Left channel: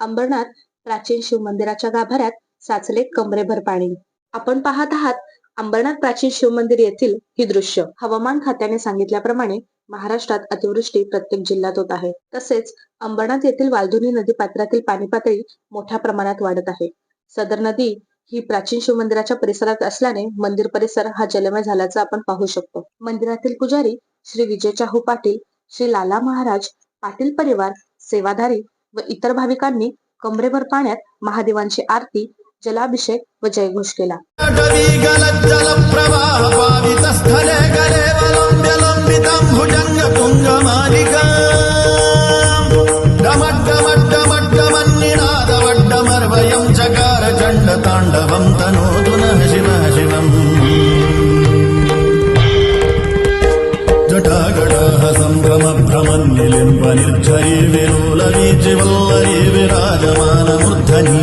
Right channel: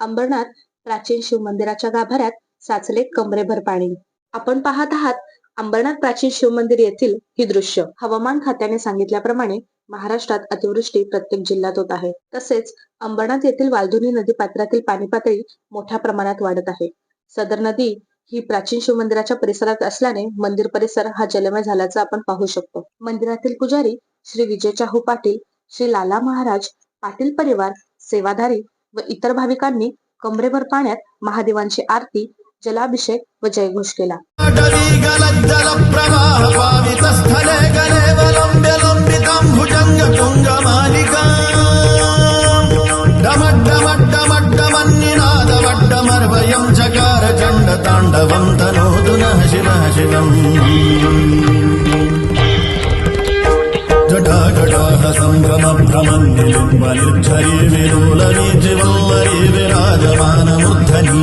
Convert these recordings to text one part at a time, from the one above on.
अंबरनाथ प्राचीन शिव मंदिराच्या गाभाऱ्यात साचले कमरेभर पाणी. आपण पाहत आहात अंबरनाथ प्राचीन शिव मंदिर येथील ही दृश्य. हवामान खात्याने सांगितल्याप्रमाणे महाराष्ट्रात अतिवृष्टी प्रत्येक जिल्ह्यात होत आहे. तसेच अंबरनाथ येथील वालधुनी नदी पात्रातील पाणी पातळी मोठ्या प्रमाणात वाढत आहे. सदर नदी ही प्राचीन शिव मंदिराच्या परिसरात असल्याने मंदिर परिसर हा जलमय झाल्याचं आपण पाहू शकतो. मंदिरातील पुजारी श्री विजय चाहू पाटील श्री लाला महाराज पाटील परिवार सेवाधारी व इतर भाविकांनी कमरेभर पाण्यात महादेवांची आरती जलाभिषेक व जयघोष केला. जलप्रवाह पावितस्थले गलेवलम्ब्य लम्बिताम्भुजङ्ग तुङ्गमालिका डमड्डमड्डमड्डमन्निनादवड्डमर्वयम् चकार चण्डताण्डवम् तनोतु नः शिवः शिवम्। ఘటాఘటాహ సంభ్రమ భ్రమన్నిలింబ నిర్ధరి విలోల వీజివల్లరి విరాజమానమూర్ధని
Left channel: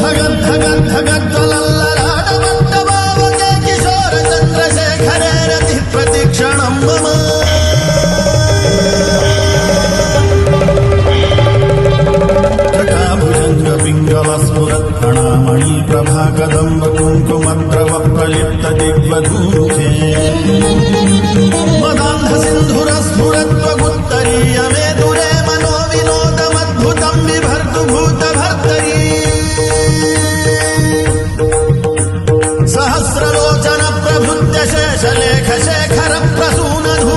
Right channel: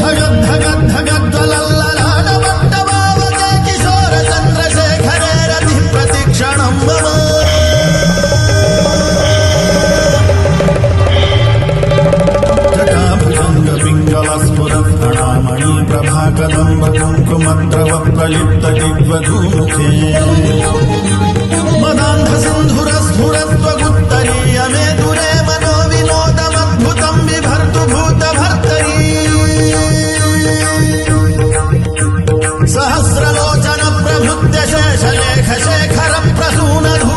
ధగద్ధగద్ధగజ్వలల్లలాడమంట భావతే కిశోర చంద్రశేఖరే రతి ప్రతిక్షణం మమ పింగళస్ఫురత్ప్రణామణి ప్రభాకదంబ కుంకుమద్రవ ప్రలిప్త దిగ్వధూముఖే మదాంధ సింధుర స్ఫురత్వగుత్తరీయ మే దురే మనో వినోదమద్భుతం విభర్తు భూత భర్తరీ సహస్రలోచన ప్రభృత్య శేషలేఖ శేఖర ప్రసూనధూ